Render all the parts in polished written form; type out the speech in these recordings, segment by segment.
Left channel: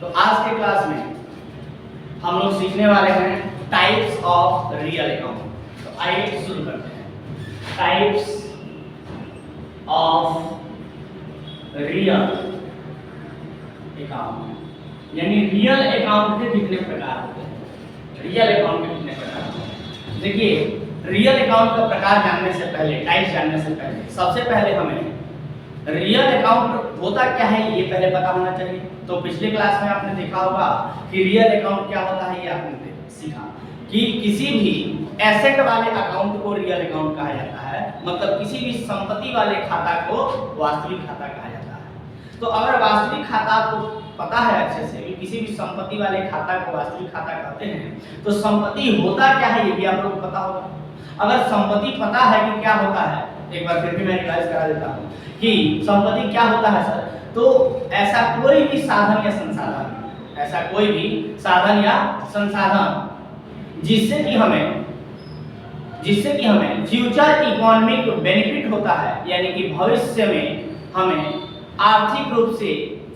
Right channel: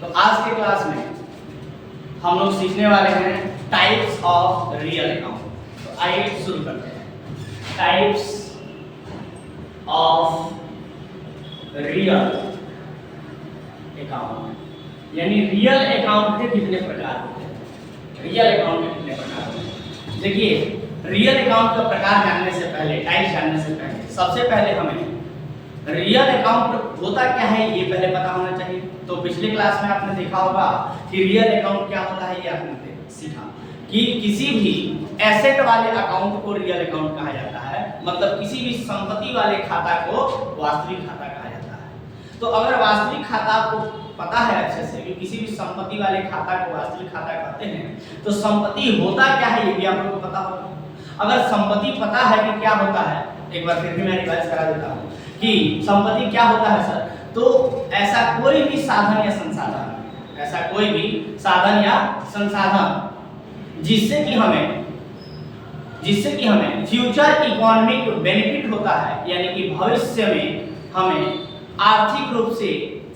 तो आज के क्लास में हम लोग सीखने वाले हैं टाइप्स ऑफ रियल अकाउंट। तो आइए शुरू करते हैं। टाइप्स ऑफ रियल अकाउंट यानी रियल अकाउंट के कितने प्रकार होते हैं। रियल अकाउंट के कितने प्रकार होते हैं। देखिए, रियल अकाउंट का प्रकार जानने से पहले, टाइप्स जानने से पहले, सबसे पहले हमें रियल अकाउंट होता क्या है ये पहले पता होना चाहिए। तो पिछले क्लास में आपने देखा होगा कि रियल अकाउंट क्या होता है, ये आपने सीखा कि किसी भी एसेट वाले अकाउंट को रियल अकाउंट कहा जाता है। मतलब किसी भी संपत्ति वाले खाता को वास्तविक खाता कहा जाता है। तो अगर वास्तविक खाता आपको पता है अच्छे से कि किसी भी संपत्ति वाले खाता को वास्तविक खाता कहते हैं, तो संपत्ति होता क्या है ये भी आप लोगों को पता होगा। अगर संपत्ति पता है कि क्या होता है, एक बार फिर भी मैं रिवाइज करा देता हूँ कि संपत्ति क्या होता है सर। तो ऐसा कोई भी साधन या संसाधन, ऐसा कोई भी साधन या संसाधन जिससे कि हमें फ्यूचर इकोनॉमिक बेनिफिट होता है, यानी कि भविष्य में हमें आर्थिक रूप से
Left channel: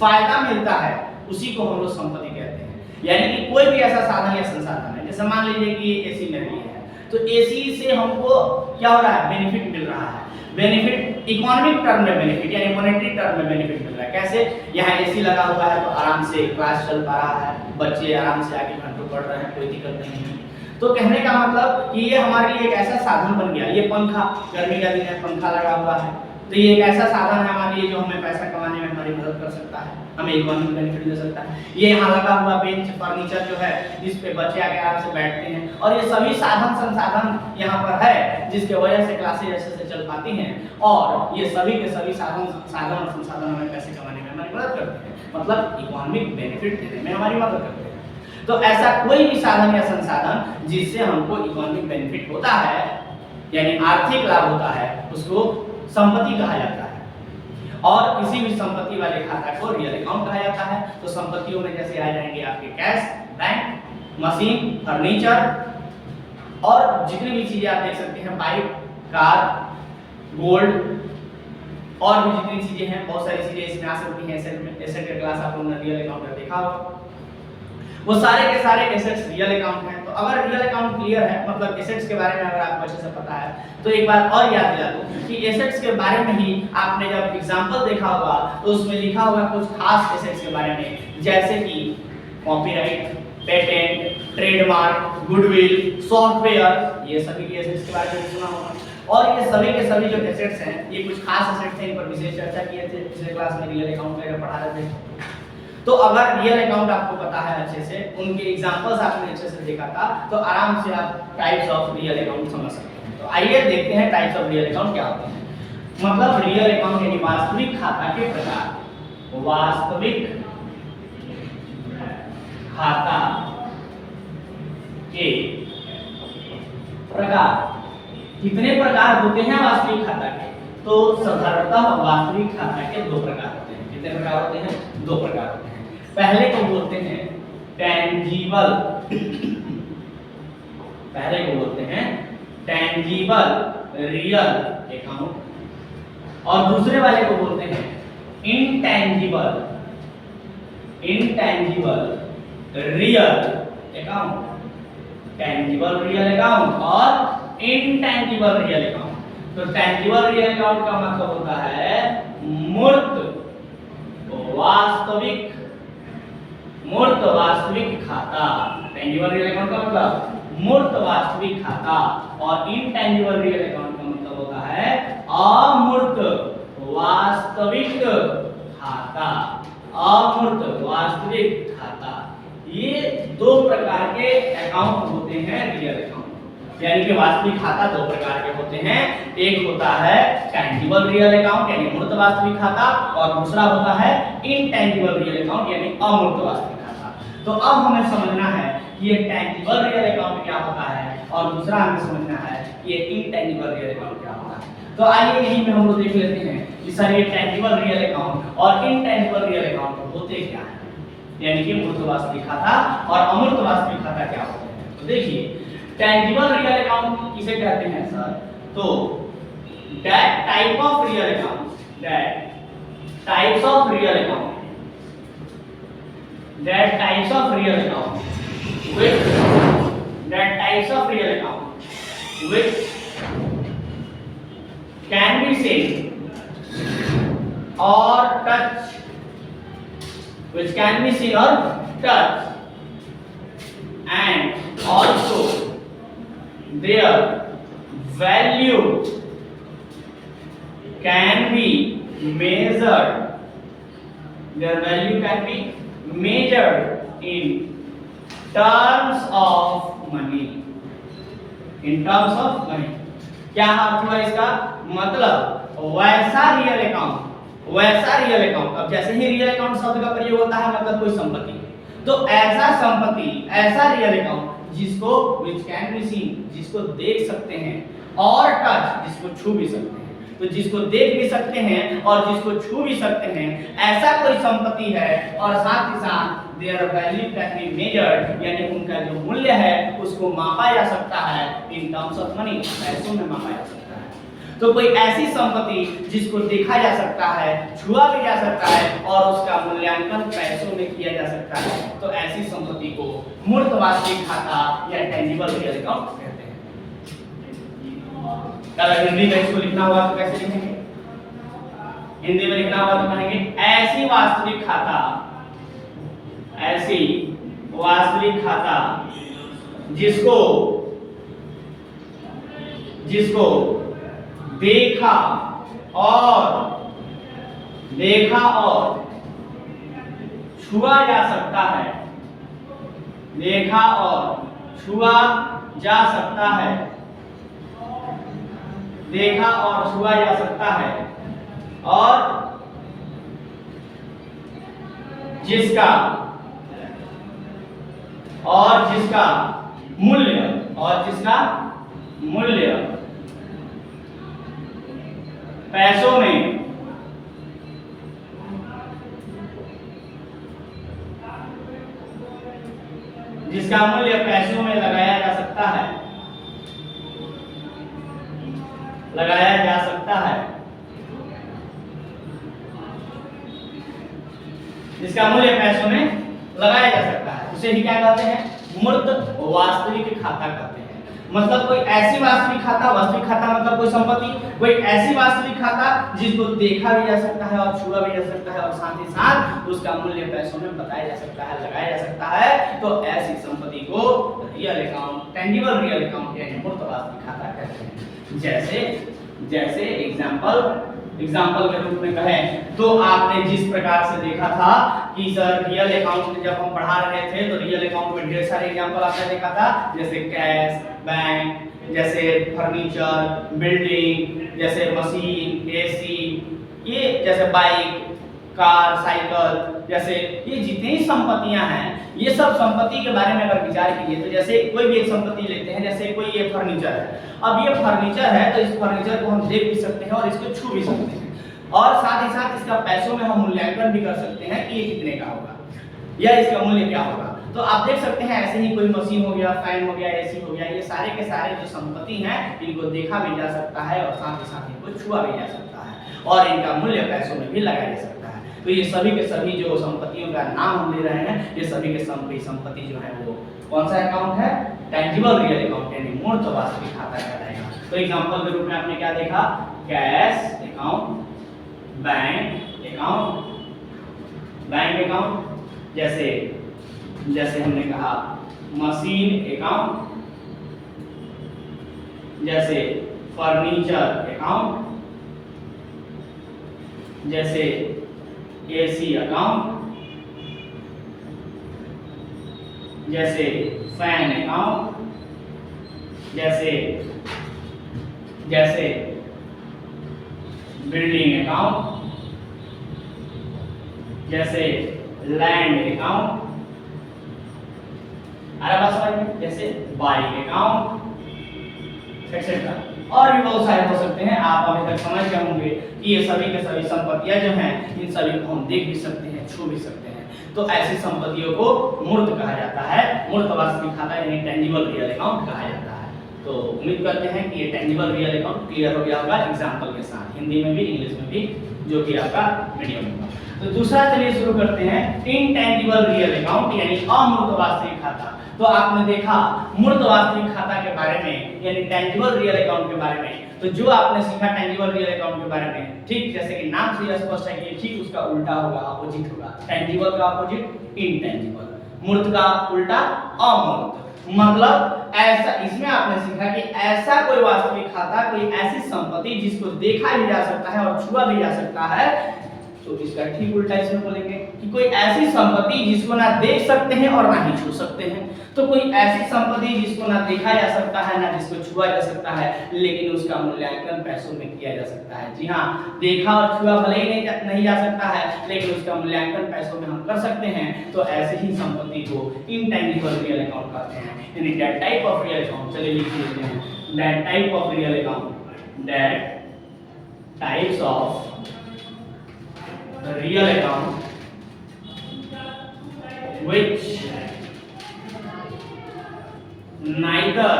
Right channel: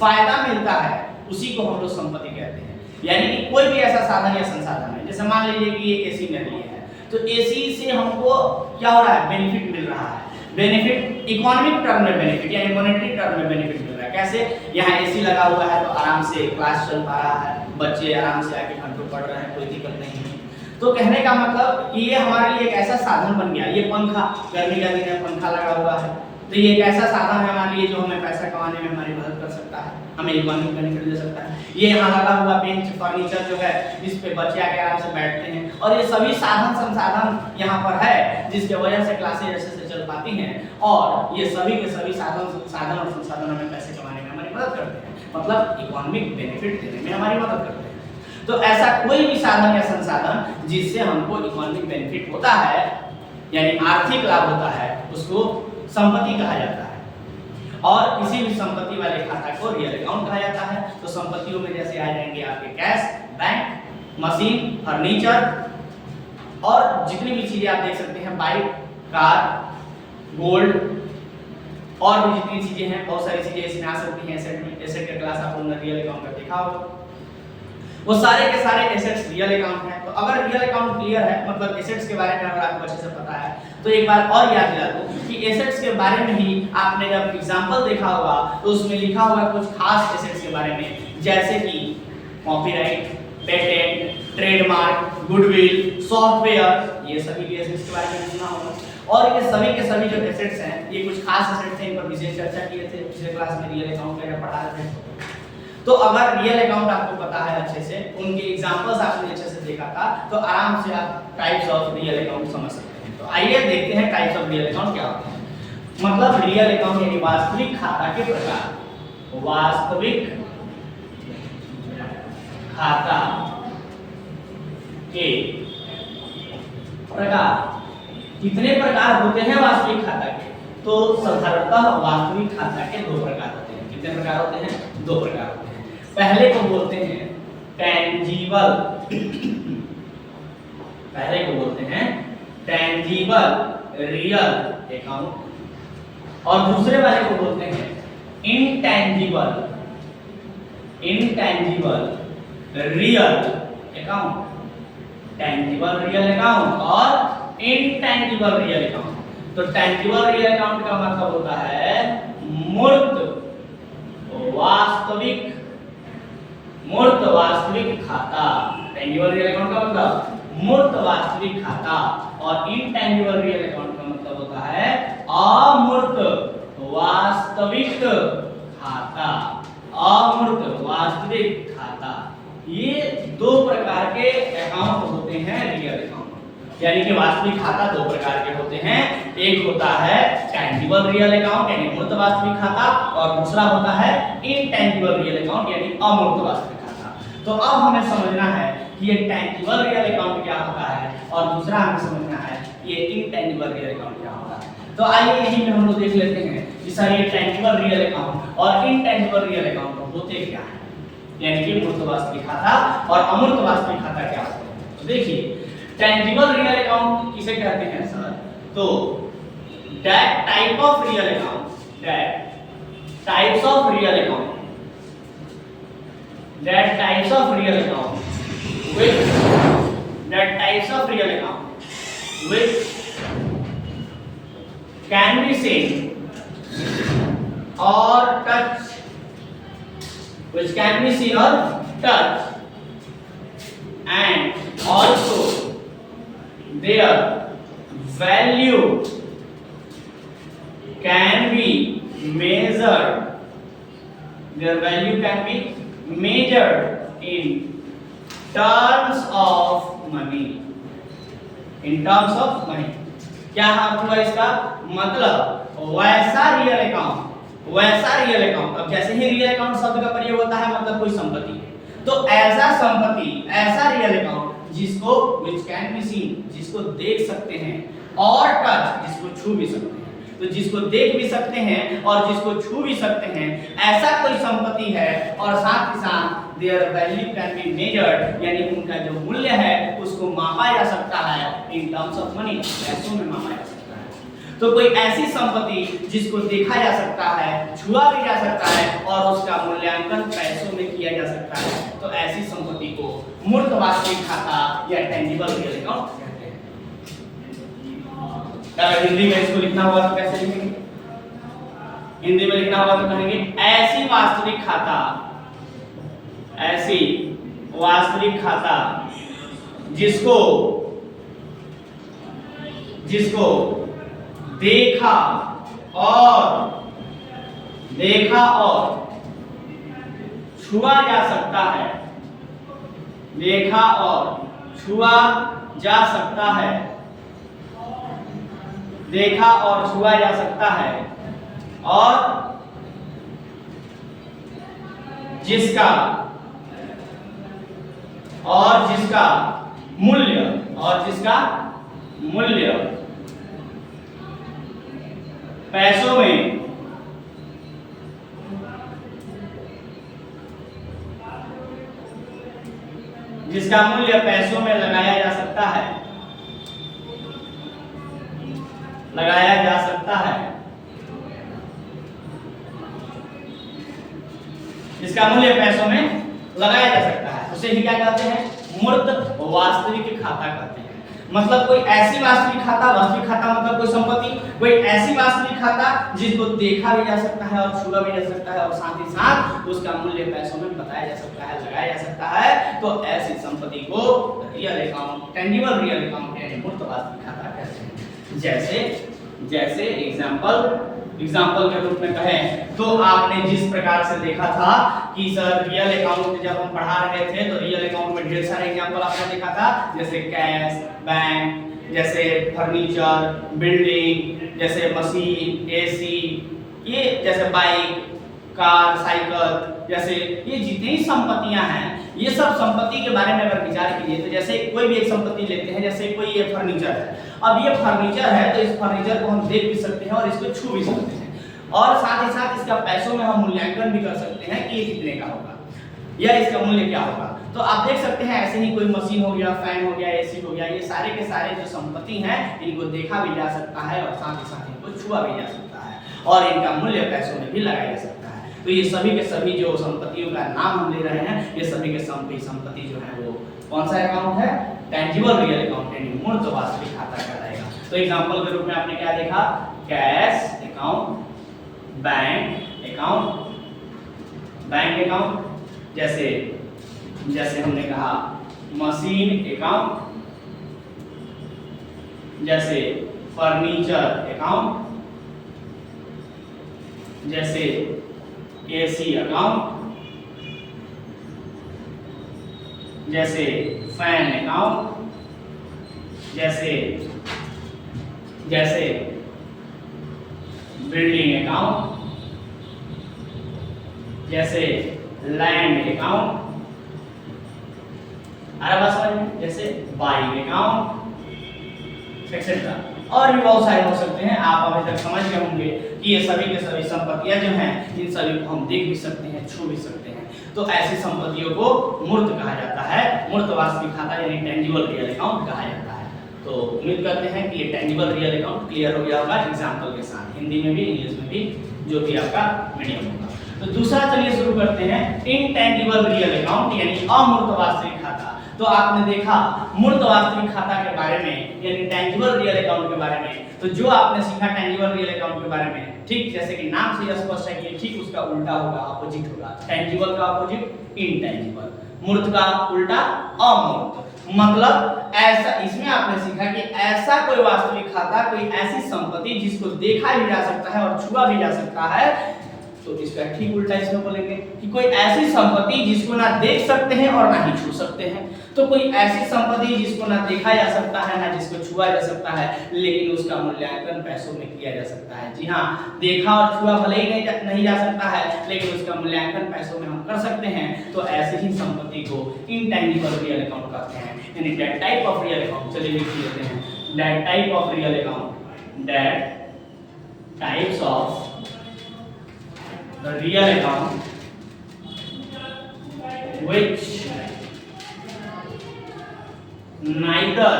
फायदा मिलता है, उसी को हम लोग संपत्ति कहते हैं। यानी कि कोई भी ऐसा साधन या संसाधन है, जैसे मान लीजिए कि ये एसी मेरे लिए है, तो एसी से हमको क्या हो रहा है, बेनिफिट मिल रहा है। बेनिफिट इकोनॉमिक टर्म में बेनिफिट यानी मॉनेटरी टर्म में बेनिफिट मिल रहा है। कैसे, यहाँ एसी लगा हुआ है तो आराम से क्लास चल पा रहा है, बच्चे आराम से आके घंटों पढ़ रहे हैं, कोई दिक्कत नहीं है। तो कहने का मतलब कि ये हमारे लिए एक ऐसा साधन बन गया। ये पंखा, गर्मी का दिन है, पंखा लगा हुआ है, तो ये एक ऐसा साधन है हमारे लिए जो हमें पैसा कमाने में हमारी मदद कर सकता है, हमें इकोनॉमिक बेनिफिट दे सकता है। ये यहाँ लगा हुआ बेंच, फर्नीचर जो है जिस पे बच्चे आके आराम से बैठते हैं, और ये सभी साधन संसाधन यहाँ पर है जिसके वजह से क्लासेज अच्छे से चल पाती हैं, और ये सभी के सभी साधन और संसाधन हमें पैसे कमाने में हमारी मदद करते हैं, मतलब इकोनॉमिक बेनिफिट देने में हमारी मदद करते हैं। तो ऐसा कोई भी साधन या संसाधन जिससे हमको इकोनॉमिक बेनिफिट होता है, यानी आर्थिक लाभ होता है, उसको संपत्ति कहा जाता है। और किसी भी संपत्ति वाले खाता को रियल अकाउंट कहा जाता है। तो संपत्तियों में जैसे आ जाएंगे आपके कैश, बैंक, मशीन, फर्नीचर, और जितनी भी चीजें आप देख सकते हैं, बाइक, कार, गोल्ड, और भी जितनी चीजें हैं, बहुत सारी चीजें इसमें आ सकती हैं। एसेट का क्लास आप लोगों ने रियल अकाउंट का देखा होगा। वो सारे के सारे एसेट्स रियल अकाउंट हैं। तो अगर रियल अकाउंट क्लियर है, मतलब एसेट्स के बारे में अगर आपको अच्छे से पता है, तो एक बार और याद दिला दूं कि एसेट्स के बारे में ही आपने जब एग्जांपल देखा होगा तो उसमें लिखा हुआ कुछ खास एसेट्स के बारे में, जैसे कि copyright, patent, trademark, goodwill, software, ये सभी के एसेट्स के बारे में सुना होगा। और ये सभी के सभी जो एसेट्स हैं, ये कुछ खास एसेट्स हैं, इन पर विशेष चर्चा किए थे पिछले क्लास में रियल अकाउंट का जब पढ़ा रहे थे। तो अगर रियल अकाउंट आपको पता है अच्छे से, उनके एग्जांपल्स आपने अच्छे से देखा था, तो आराम से आप टाइप्स ऑफ रियल अकाउंट समझ सकते हैं। तो आइए देखते हैं टाइप्स ऑफ रियल अकाउंट क्या होते हैं। मतलब रियल अकाउंट यानी वास्तविक खाता के प्रकार। वास्तविक खाता के प्रकार। कितने प्रकार होते हैं वास्तविक खाता के? तो साधारणतः वास्तविक खाता के दो प्रकार होते हैं। कितने प्रकार होते हैं? दो प्रकार होते हैं। पहले को बोलते हैं टेंजिबल, पहले को बोलते हैं टेंजिबल रियल अकाउंट, और दूसरे वाले को बोलते हैं intangible real account. Tangible real account और इनटेंजिबल रियल अकाउंट। तो टेंजिबल रियल अकाउंट का मतलब होता है मूर्त वास्तविक खाता। टेंजिबल रियल अकाउंट का मतलब मूर्त वास्तविक खाता, और इनटेंजिबल रियल अकाउंट का मतलब होता है अमूर्त वास्तविक खाता। अमूर्त वास्तविक खाता, ये दो प्रकार के अकाउंट होते हैं रियल अकाउंट। यानी कि वास्तविक खाता दो प्रकार के होते हैं। एक होता है टेंजिबल रियल अकाउंट यानी मूर्त वास्तविक खाता, और दूसरा होता है इनटेंजिबल रियल अकाउंट यानी अमूर्त वास्तविक खाता। तो अब हमें समझना है कि ये टेंजिबल रियल अकाउंट क्या होता है, और दूसरा हमें समझना है कि ये इनटेंजिबल रियल अकाउंट क्या होता है। तो आइए यहीं में हम लोग देख लेते हैं कि सर ये टेंजिबल रियल अकाउंट और इनटेंजिबल रियल अकाउंट होते क्या हैं, यानी कि मूर्त वास्तविक खाता और अमूर्त वास्तविक खाता क्या होते हैं। तो देखिए, टेंजिबल रियल अकाउंट किसे कहते हैं सर? तो that type of real account, that types of real account that types of real account which that types of real account which can be seen or touched, which can be seen or touched, and also their value can be measured. Their value can be measured in terms of money. In terms of money. क्या अर्थ हुआ इसका? मतलब वैसा real account. अब जैसे ही real account शब्द का प्रयोग होता है मतलब कोई संपत्ति, तो ऐसा संपत्ति, ऐसा रियल अकाउंट जिसको which can be seen, जिसको देख सकते हैं, और टच, जिसको छू भी सकते हैं। तो जिसको देख भी सकते हैं और जिसको छू भी सकते हैं, ऐसा कोई संपत्ति है, और साथ ही साथ their value can be measured, यानी उनका जो मूल्य है उसको मापा जा सकता है in terms of money, पैसों में मापा जा सकता है। तो कोई ऐसी संपत्ति जिसको देखा जा सकता है, छुआ भी जा सकता है और उसका मूल्यांकन पैसों में किया जा सकता है, तो ऐसी संपत्ति को मूर्त वास्तविक खाता या टेंजिबल रियल अकाउंट कहते हैं। अगर हिंदी में इसको लिखना हुआ तो कैसे लिखेंगे? हिंदी में लिखना हुआ तो कहेंगे ऐसी वास्तविक खाता जिसको देखा और छुआ जा सकता है, देखा और छुआ जा सकता है, देखा और छुआ जा सकता है, और जिसका मूल्य पैसों में लगाया जा सकता है, जिसका मूल्य पैसों में लगाया जा सकता है, उसे ही क्या कहते हैं? मूर्त वास्तविक खाता कहते हैं। मतलब कोई ऐसी वास्तविक खाता मतलब कोई संपत्ति, कोई ऐसी वास्तविक खाता जिसको देखा भी जा सकता है और छुआ भी जा सकता है और साथ ही साथ उसका मूल्य पैसों में बताया जा सकता है, लगाया जा सकता है, तो ऐसी संपत्ति को real account, tangible real account यानी मूर्त वास्तविक खाता कहते हैं। जैसे एग्जाम्पल के रूप में कहें तो आपने जिस प्रकार से देखा था कि सर रियल अकाउंट जब हम पढ़ा रहे थे तो रियल अकाउंट में ढेर सारे एग्जाम्पल आपने देखा था, जैसे कैश, बैंक, जैसे फर्नीचर, बिल्डिंग, जैसे मशीन, एसी, ये जैसे बाइक, कार, साइकिल, जैसे ये जितनी संपत्तियां हैं, ये सब संपत्ति के बारे में अगर विचार कीजिए तो जैसे कोई भी एक संपत्ति लेते हैं, जैसे कोई ये फर्नीचर है। अब ये फर्नीचर है तो इस फर्नीचर को हम देख भी सकते हैं और इसको छू भी सकते हैं, और साथ ही साथ इसका पैसों में हम मूल्यांकन भी कर सकते हैं कि ये कितने का होगा या इसका मूल्य क्या होगा। तो आप देख सकते हैं ऐसे ही कोई मशीन हो गया, फैन हो गया, एसी हो गया, ये सारे के सारे जो संपत्ति हैं इनको देखा भी जा सकता है और साथ ही साथ इनको छुआ भी जा सकता है और इनका मूल्य पैसों में भी लगाया जा सकता है। तो ये सभी के सभी जो संपत्तियों का नाम हम ले रहे हैं, ये सभी के सभी संपत्ति जो है वो कौन सा अकाउंट है? टेंजिबल रियल अकाउंट यानी मूर्त वास्तविक खाता कहलाएगा। तो एग्जांपल के रूप में आपने क्या देखा? कैश अकाउंट, बैंक अकाउंट, जैसे हमने कहा मशीन अकाउंट, जैसे फर्नीचर अकाउंट, जैसे एसी अकाउंट, जैसे फैन अकाउंट, जैसे बिल्डिंग अकाउंट, जैसे लैंड अकाउंट, जैसे बाइक अकाउंट एक्सेट्रा, और भी बहुत सारे हो सकते हैं। आप अभी तक समझ गए होंगे कि ये सभी के सभी संपत्तियां जो हैं इन सभी को हम देख भी सकते हैं, छू भी सकते हैं। तो ऐसी संपत्तियों को मूर्त कहा जाता है, मूर्त वास्तविक खाता यानी टेंजिबल रियल अकाउंट कहा जाता है। तो उम्मीद करते हैं कि ये टेंजिबल रियल अकाउंट क्लियर हो गया होगा एग्जाम्पल के साथ, हिंदी में भी इंग्लिश में भी, जो भी आपका मीडियम होगा। तो दूसरा चलिए शुरू करते हैं, इनटेंजिबल रियल अकाउंट यानी अमूर्त वास्तविक खाता। तो आपने देखा मूर्त वास्तविक खाता के बारे में यानी टेंजिबल रियल अकाउंट के बारे में। तो जो आपने सीखा टेंजिबल रियल अकाउंट के बारे में, ठीक जैसे कि नाम से स्पष्ट है कि ठीक उसका उल्टा होगा, अपोजिट होगा। टेंजिबल का अपोजिट इनटेंजिबल, मूर्त का उल्टा अमूर्त। मतलब ऐसा, इसमें आपने सीखा कि ऐसा कोई वास्तविक खाता, कोई ऐसी संपत्ति जिसको देखा भी जा सकता है और छुआ भी जा सकता है। तो इसका ठीक उल्टा इसमें बोलेंगे कि कोई ऐसी संपत्ति जिसको ना देख सकते हैं और ना ही छू सकते हैं। तो कोई ऐसी संपत्ति जिसको ना देखा जा सकता है ना जिसको छुआ जा सकता है, लेकिन उसका मूल्यांकन पैसों में किया जा सकता है। जी हाँ, देखा और छुआ भले ही नहीं जा सकता है, लेकिन उसका मूल्यांकन पैसों में हम कर सकते हैं। तो ऐसे ही संपत्ति को इनटेंजिबल रियल अकाउंट कहते हैं, यानी that type of real account. चलिए लिख लेते हैं, that type of real account, that types of real account which neither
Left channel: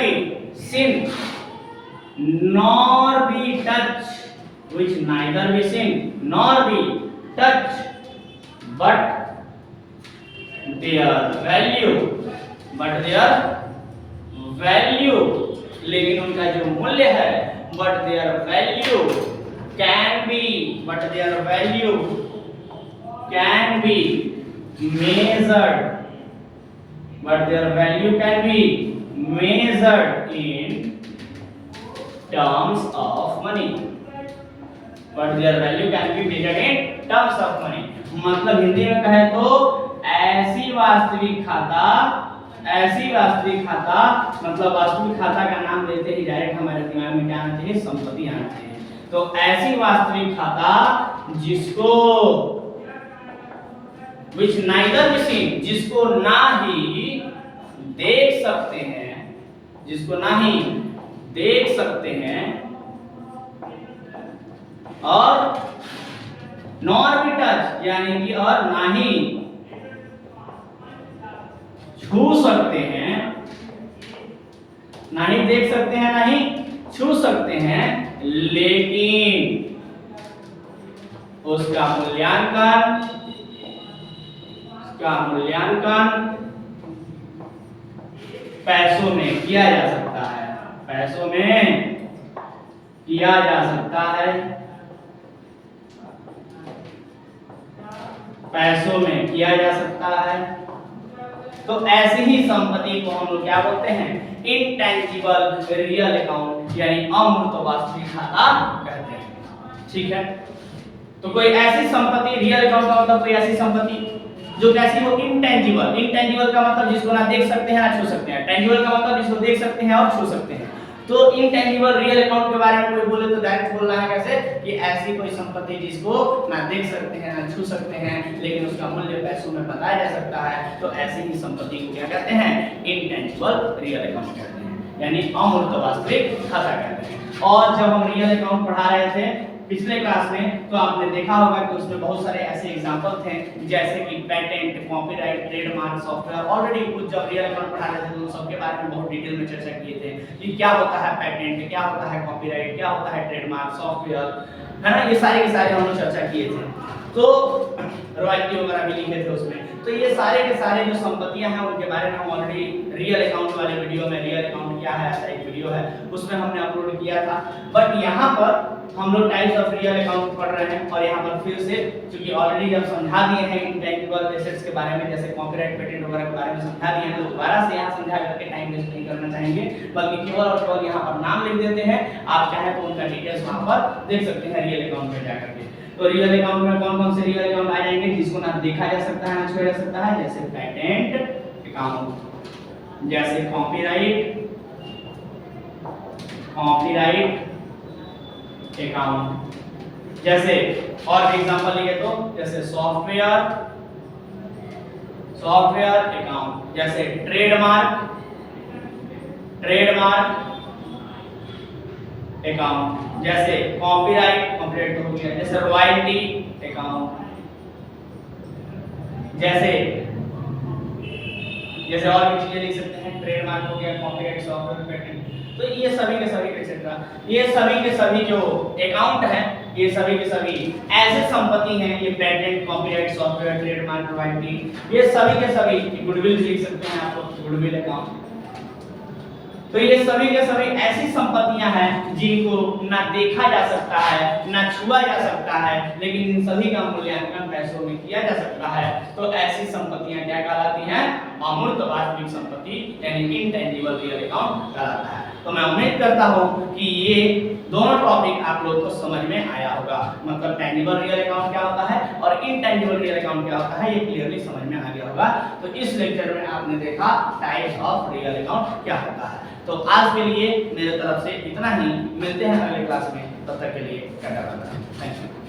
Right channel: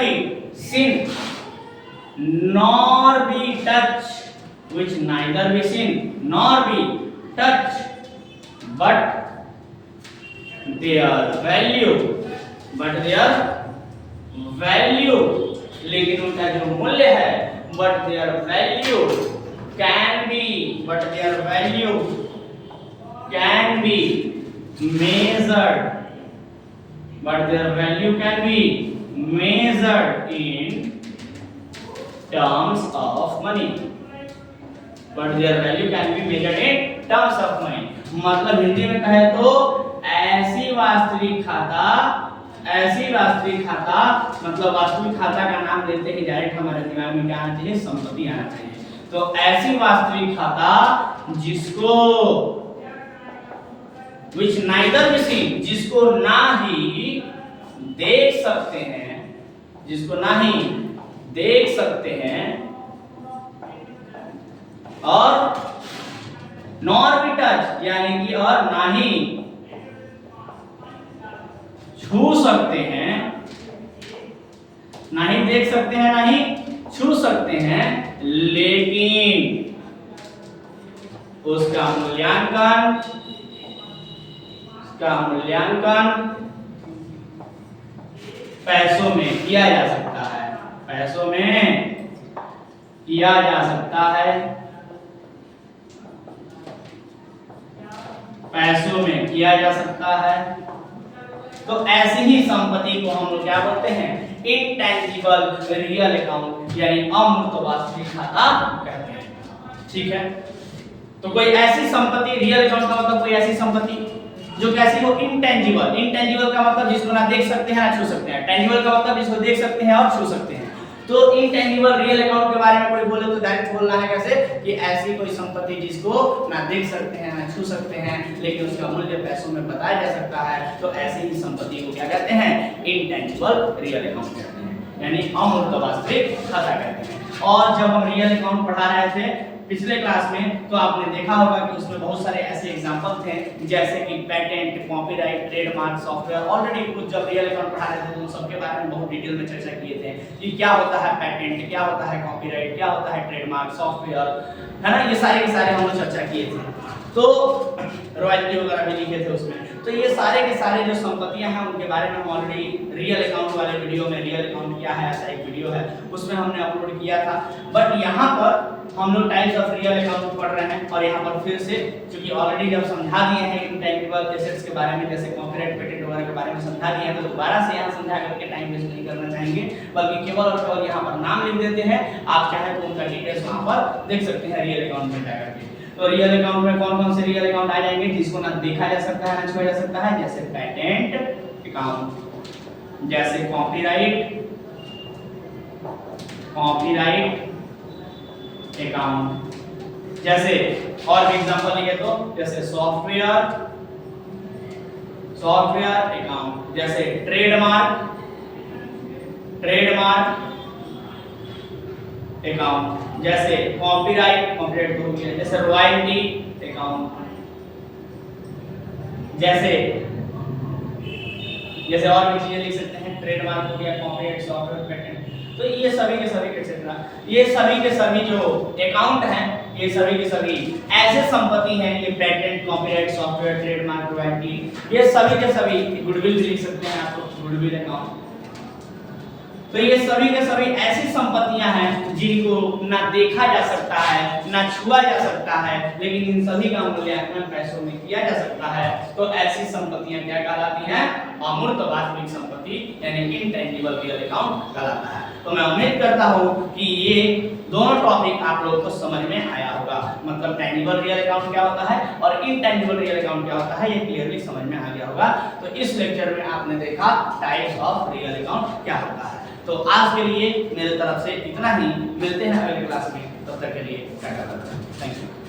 be seen nor be touched, which neither be seen nor be touched, but their value, लेकिन उनका जो मूल्य है, but their value can be measured in terms of money, मतलब हिंदी में कहे तो ऐसी वास्तविक खाता मतलब वास्तविक खाता का नाम लेते ही डायरेक्ट हमारे दिमाग में क्या आना चाहिए, संपत्ति आना चाहिए। तो ऐसी वास्तविक खाता जिसको which neither be seen, जिसको ना ही देख सकते हैं और nor be touch यानी कि और ना ही छू सकते हैं, ना ही देख सकते हैं, ना ही छू सकते हैं, लेकिन उसका मूल्यांकन पैसों में किया जा सकता है, तो ऐसी ही संपत्ति को हम लोग क्या बोलते हैं, इनटेंजिबल रियल अकाउंट यानी अमूर्त वास्तविक खाता कहते हैं। ठीक है, तो कोई ऐसी संपत्ति, रियल अकाउंट का मतलब कोई ऐसी संपत्ति जो कैसी हो, इनटेंजिबल का मतलब जिसको ना देख सकते हैं ना छू सकते हैं, टेंजिबल का मतलब जिसको देख सकते हैं और छू सकते हैं। तो इनटेंजिबल रियल अकाउंट के बारे में कोई बोले तो डायरेक्ट बोलना है कैसे, कि ऐसी कोई संपत्ति जिसको ना देख सकते हैं ना छू सकते हैं, लेकिन उसका मूल्य पैसों में बताया जा सकता है। तो ऐसी ही संपत्ति को क्या कहते हैं, इनटेंजिबल रियल अकाउंट कहते हैं, यानी अमूर्त वास्तविक खाता कहते हैं। और जब हम रियल अकाउंट पढ़ा रहे थे पिछले क्लास में, तो आपने देखा होगा कि उसमें बहुत सारे ऐसे एग्जांपल थे, जैसे कि patent, copyright, trademark, software. Already कुछ जब रियल अकाउंट पढ़ा रहे थे तो सबके बारे में बहुत डिटेल में चर्चा किए थे कि क्या होता है पेटेंट, क्या होता है कॉपीराइट, क्या होता है ट्रेडमार्क, सॉफ्टवेयर, है ना। ये सारे के सारे हम लोग चर्चा किए थे, तो रॉयल्टी वगैरह भी लिखे थे उसमें। तो ये सारे के सारे जो संपत्तियां हैं उनके बारे में हम ऑलरेडी रियल अकाउंट वाले वीडियो में, रियल अकाउंट क्या है ऐसा एक वीडियो है, उसमें हमने अपलोड किया था। बट यहाँ पर हम लोग टाइप्स ऑफ रियल अकाउंट पढ़ रहे हैं, और यहाँ पर फिर से क्योंकि ऑलरेडी जब समझा दिए हैं इनटेंजिबल एसेट्स के बारे में, जैसे कॉपीराइट, पेटेंट वगैरह के बारे में समझा दिए हैं, तो दोबारा से यहाँ समझा करके टाइम वेस्ट नहीं करना चाहेंगे, बल्कि केवल और केवल यहाँ पर नाम लिख देते हैं। आप चाहे तो उनका डिटेल्स वहाँ पर देख सकते हैं रियल अकाउंट में जाकर के। तो रियल अकाउंट में कौन कौन से रियल अकाउंट आ जाएंगे, जिसको ना देखा जा सकता है ना छुआ जा सकता है, जैसे पेटेंट अकाउंट, जैसे कॉपीराइट अकाउंट, जैसे और भी एग्जांपल लिए तो जैसे सॉफ्टवेयर अकाउंट, जैसे ट्रेडमार्क अकाउंट, जैसे कॉपीराइट तो हो गया, जैसे रॉयल्टी अकाउंट, जैसे और भी चीजें लिख सकते हैं, ट्रेडमार्क हो गया, कॉपीराइट, सॉफ्टवेयर, पेटेंट। तो तो ये सभी के सभी एक्सेट्रा, ये सभी के सभी जो अकाउंट हैं, ये सभी के सभी ऐसे संपत्ति हैं, ये patent, copyright, software, trademark, royalty, ये सभी के सभी गुडविल लिख सकते हैं आप लोग, गुडविल अकाउंट। तो ये सभी के सभी ऐसी संपत्तियां हैं जिनको ना देखा जा सकता है, ना छुआ जा सकता है, लेकिन इन सभी का मूल्यांकन पैसों में किया जा सकता है। तो ऐसी संपत्तियां क्या कहलाती हैं? अमूर्त वास्तविक संपत्ति यानी इंटेंजिबल रियल अकाउंट कहलाता है। तो मैं उम्मीद करता हूं कि ये दोनों टॉपिक आप लोगों को समझ में आया होगा, मतलब टेंजिबल रियल अकाउंट क्या होता है और इनटेंजिबल रियल अकाउंट क्या होता है, ये क्लियरली समझ में आ गया होगा। तो इस लेक्चर में आपने देखा टाइप्स ऑफ रियल अकाउंट क्या होता है। तो आज के लिए मेरे तरफ से इतना ही, मिलते हैं अगले क्लास में, तब तक के लिए tata bye bye, thank you.